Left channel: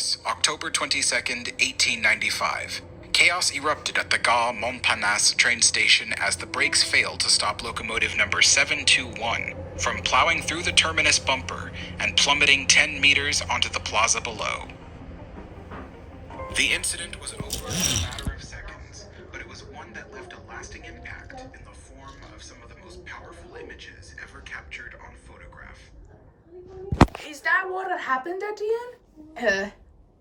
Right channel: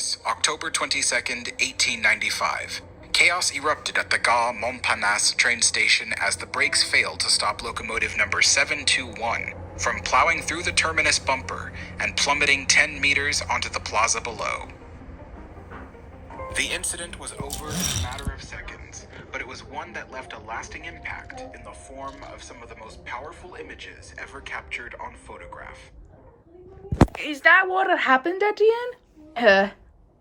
Paris, October 22nd, 1895. Chaos erupted at the Garmont Parnasse train station as the brakes failed to stop locomotive number 721 from plowing through the terminus bumper and plummeting 10 meters onto the plaza below. The incident was over in a matter of seconds, but it was one that left a lasting impact in the form of some of the most powerful images ever captured on photograph. Is that what had happened, Etienne?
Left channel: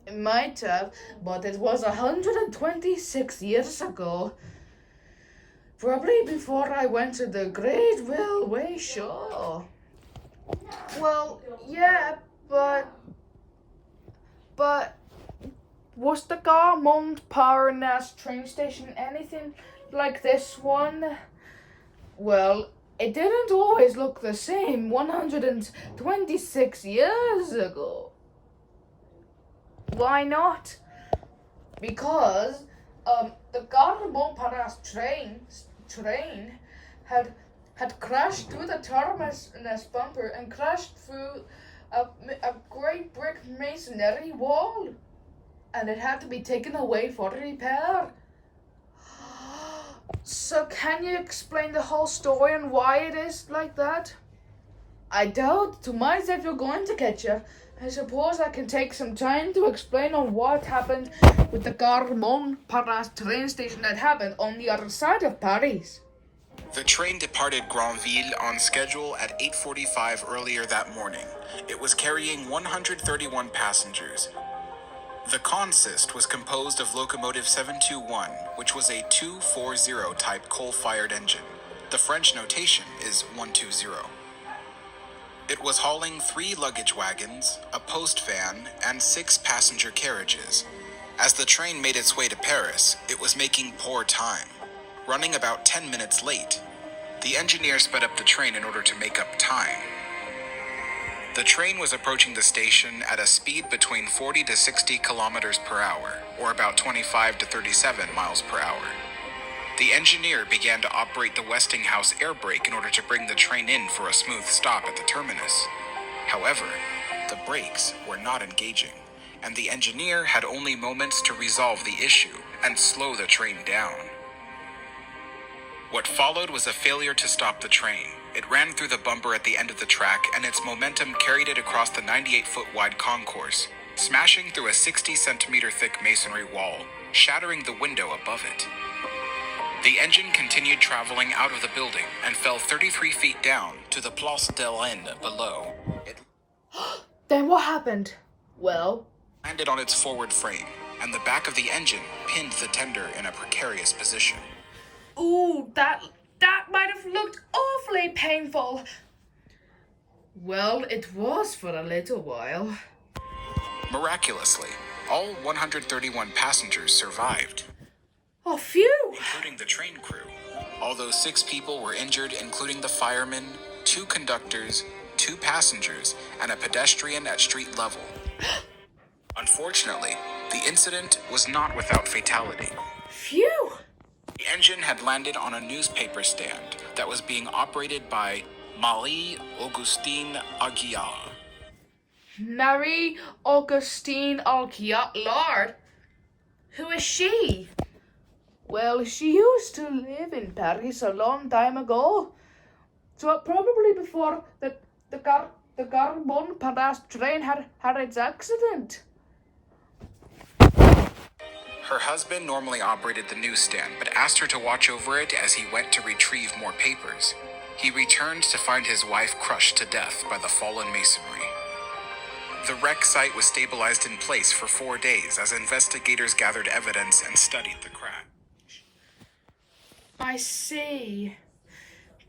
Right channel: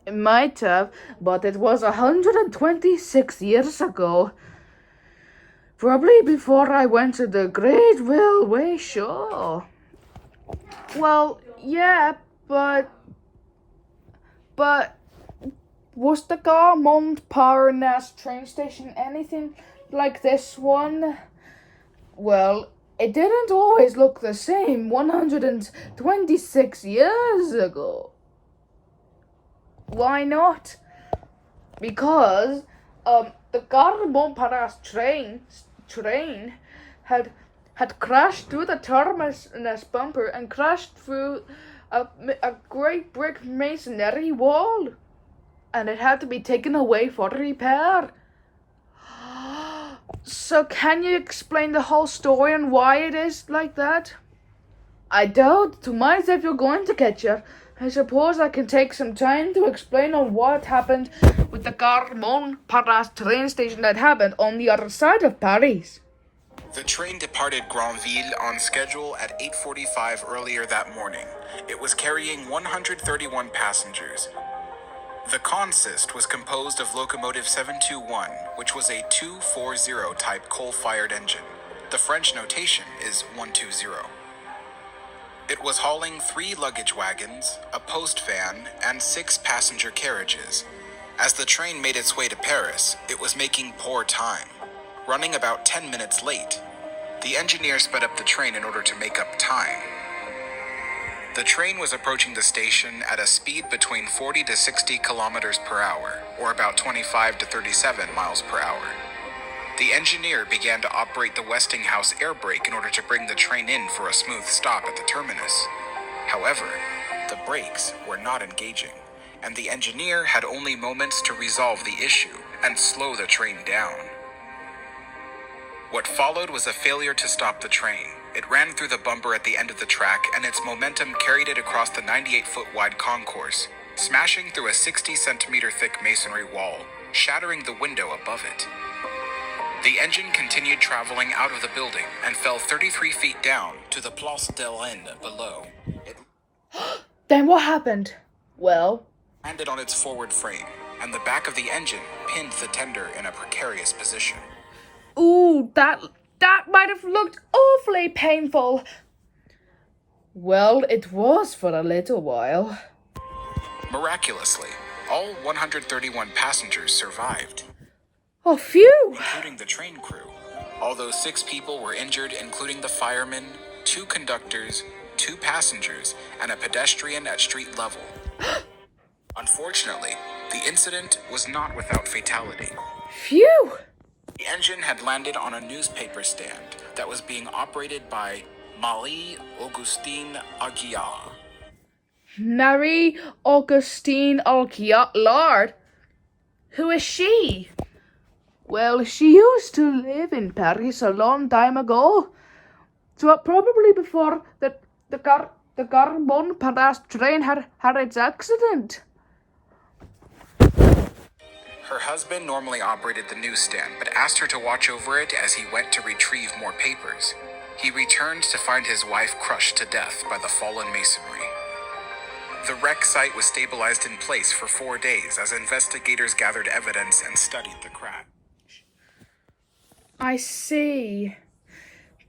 It might have, but it was 126 years ago. Probably before I went to the Great Railway Show. Well, yeah, but was the Garmont Parnasse train station anything like this one? Well, it didn't always look the same 126 years ago. Why not? Because the Garmont Parnasse train had crashed through the terminus bumper and crashed through a great brick masonry wall, and it had to be taken away for repair. So can you explain the whole story and why it is like that? I doubt to myself you're going to catch her. I suppose I can take some time to explain on what happened with the Garmont Parnasse train station that happened on the other side of Paris. The train departed Granville on schedule at 8:45 earlier that morning. It was carrying 131 passengers. The consist was composed of locomotive 721, which was a 240 type coal-fired engine. The French notation is 120. It was hauling 3 luggage wagons, a post van, and 6 passenger carriages. As the train made its way to Paris, it was making poor time, running about 10 minutes late. The engineer sped up the train in order to make up time. The train was approaching the station at a speed between 40 to 60 kilometers per hour, or about 25 to 37 miles per hour. The engineer began to operate the Westinghouse air brake in order to bring the train in for a smooth stop at the terminus. However, the brakes were not engaging, and the engineer had only moments to resolve the issue and slow the train down. What followed was a failure to stop the train. It ran through the bumper at the end of the track, and its momentum carried it across the 98-foot wide concourse, smashing through a 60-centimeter thick masonry wall, shattering the window above it. The engine continued traveling out of the building and fell 33 feet down to the Place de Rennes below. It Then what happened? Well, landed on its forward frame, and the back of the engine pinned the tender in a precarious position. ooh, that might have looked awfully painful. Well, it was for a little while. Miraculously, all 131 passengers survived, Oh, phew! including the train crew, although 6 people were injured, including the fireman, 2 conductors, 2 passengers, and a pedestrian at street level. Unfortunately, the incident was not without fatality. Phew! The engine had landed on a newspaper stand that was being operated by Marie-Augustine Aguiar. Marie-Augustine Aguilar? Who is she? Well, she used to live in Paris a long time ago. So probably before the Garmont Parnasse train had its accident. Her husband normally operated the newsstand, but asked her to watch over it as he went to retrieve more papers. He returned to find his wife crushed to death by the fallen masonry. The wreck site was stabilized in place for 4 days as investigators gathered evidence and studied the crash. I see.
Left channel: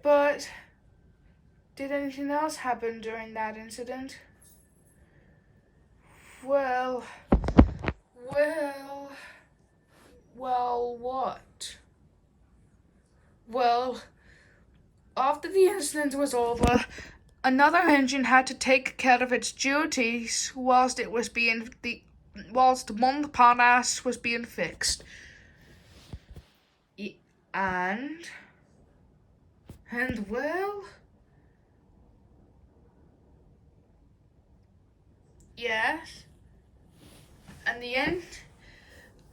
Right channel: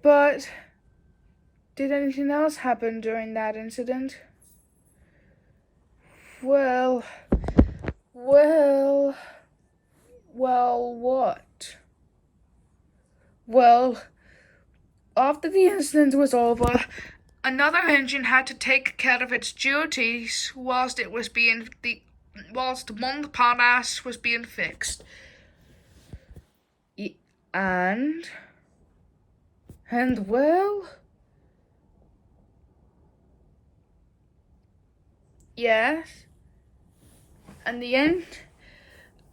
But did anything else happen during that incident? Well, what? Well, after the incident was over, another engine had to take care of its duties whilst Montparnasse was being fixed. And well, yes. and the end,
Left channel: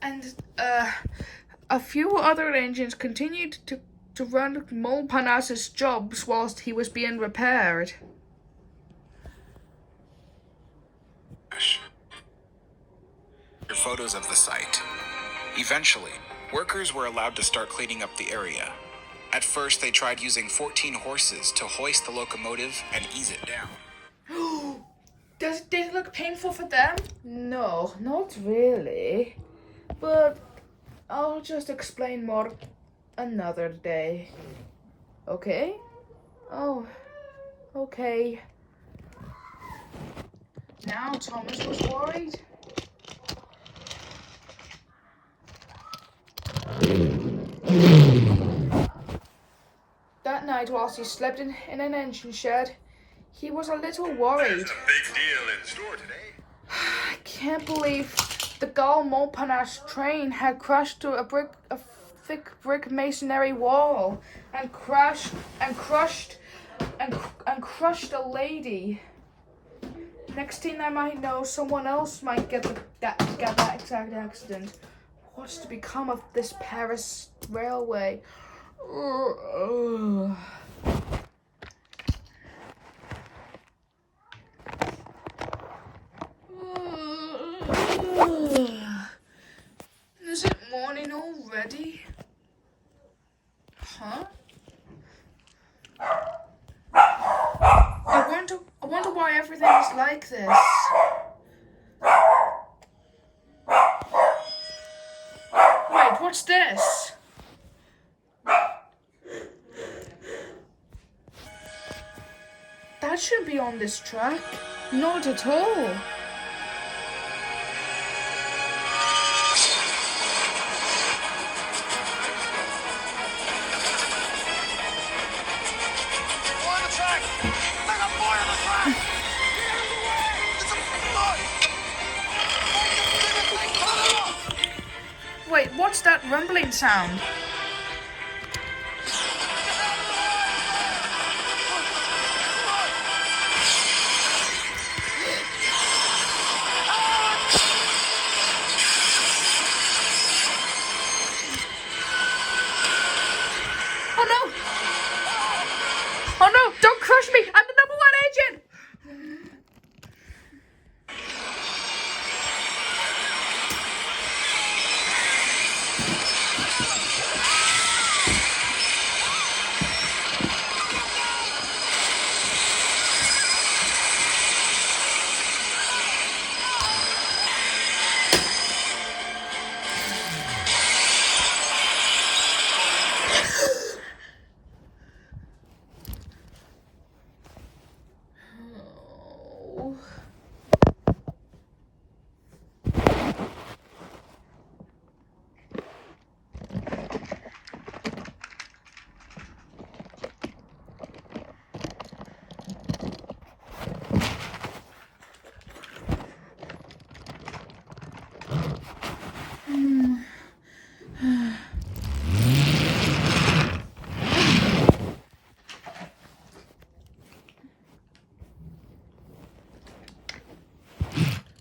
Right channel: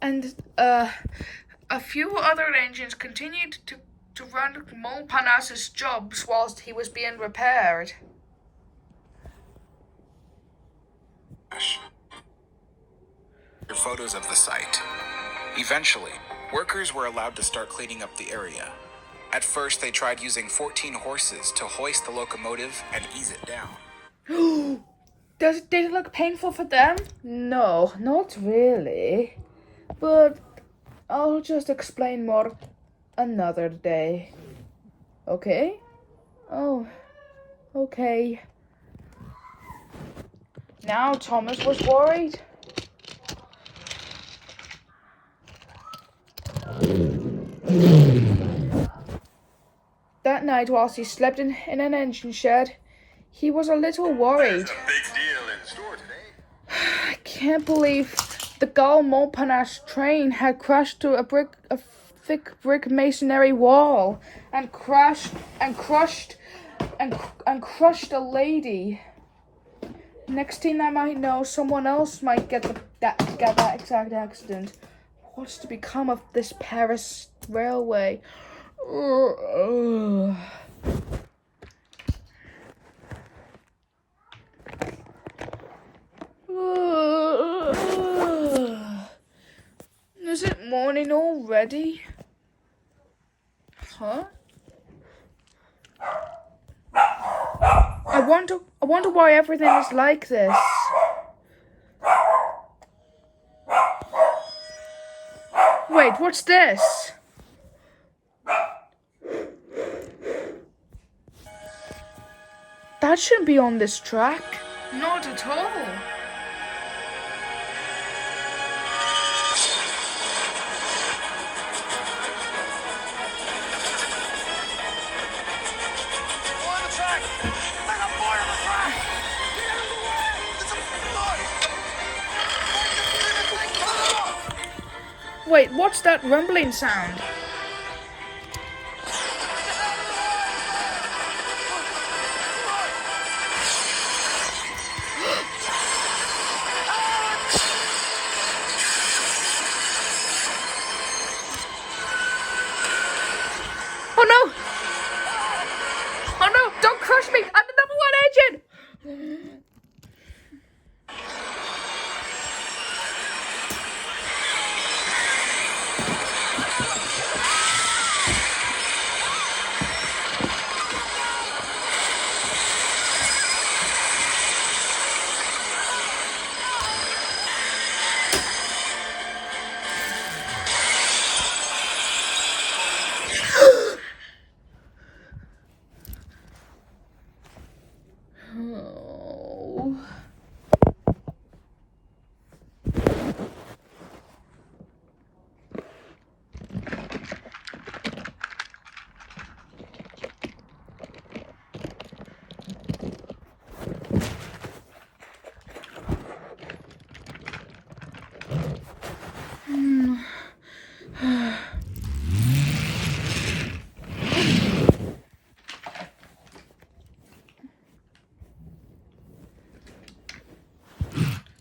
and a few other engines continued to run Montparnasse's jobs whilst he was being repaired. Photos of the site. Eventually, workers were allowed to start cleaning up the area. At first, they tried using 14 horses to hoist the locomotive and ease it down. Did it look painful for them? No, not really. But I'll just explain more another day. Okay? Oh, okay. Now Thomas was worried. That night, whilst he slept in an engine shed, he was a little worried. There's a big deal in store today. I can't believe the Garmont Parnasse train had crashed to a thick brick masonry wall and crushed a lady. Next thing I might know, someone else might get that exact accident. What's to become of this Paris railway? Is it morning already? Huh? I wonder why everything is like this. Wait, what's this? That shouldn't be on this track. Not at all. Wait, what's that rumbling sound? Oh no! Oh no! Don't crush me! I'm the number one engine!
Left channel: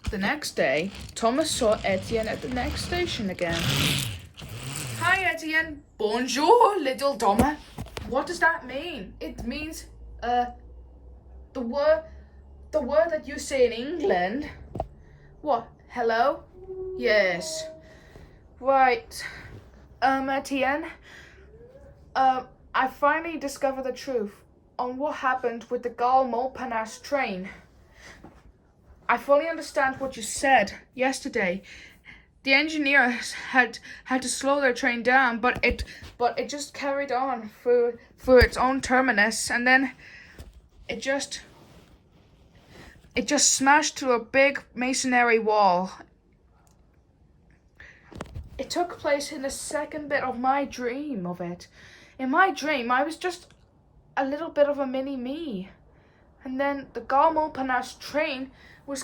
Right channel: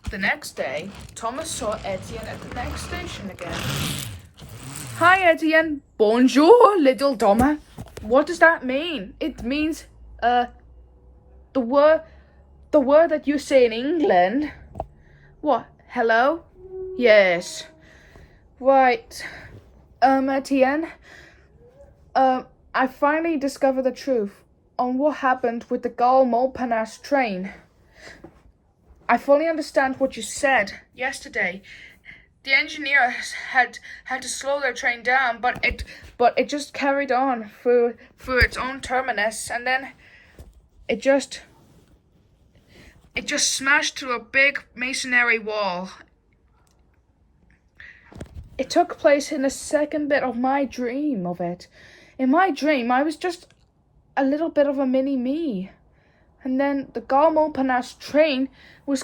The next day, Thomas saw Etienne at the next station again. Hi, Etienne. Bonjour, little Thomas. What does that mean? It means, the word that you say in England. What? Hello? Yes. Right. Etienne. I finally discovered the truth on what happened with the Garmont Parnasse train. I fully understand what you said yesterday. The engineers had to slow their train down, but it just carried on through its own terminus, and then it just smashed through a big masonry wall. It took place in the second bit of my dream of it. In my dream, I was just a little bit of a mini-me. And then the Garmont Parnasse train was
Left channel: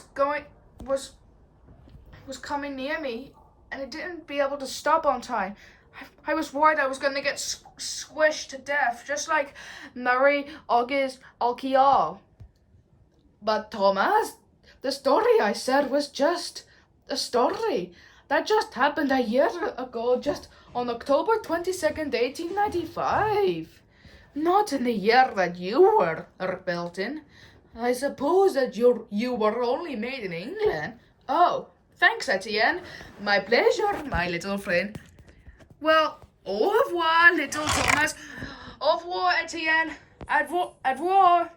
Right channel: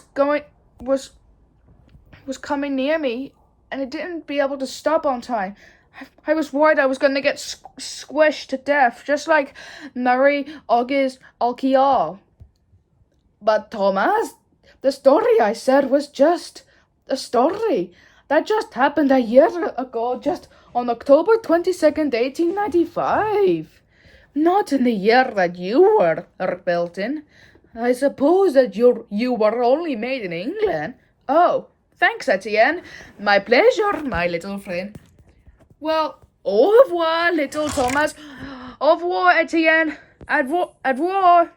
coming near me, and it didn't be able to stop on time. I was worried I was going to get squished to death, just like Marie Auguste Alquial. But Thomas, the story I said was just a story that just happened a year ago, just on October 22nd, 1895. Not in the year that you were built in. I suppose that you were only made in England. Oh, thanks, Etienne. My pleasure, my little friend. Well, au revoir, little Thomas. Au revoir, Etienne. Au revoir.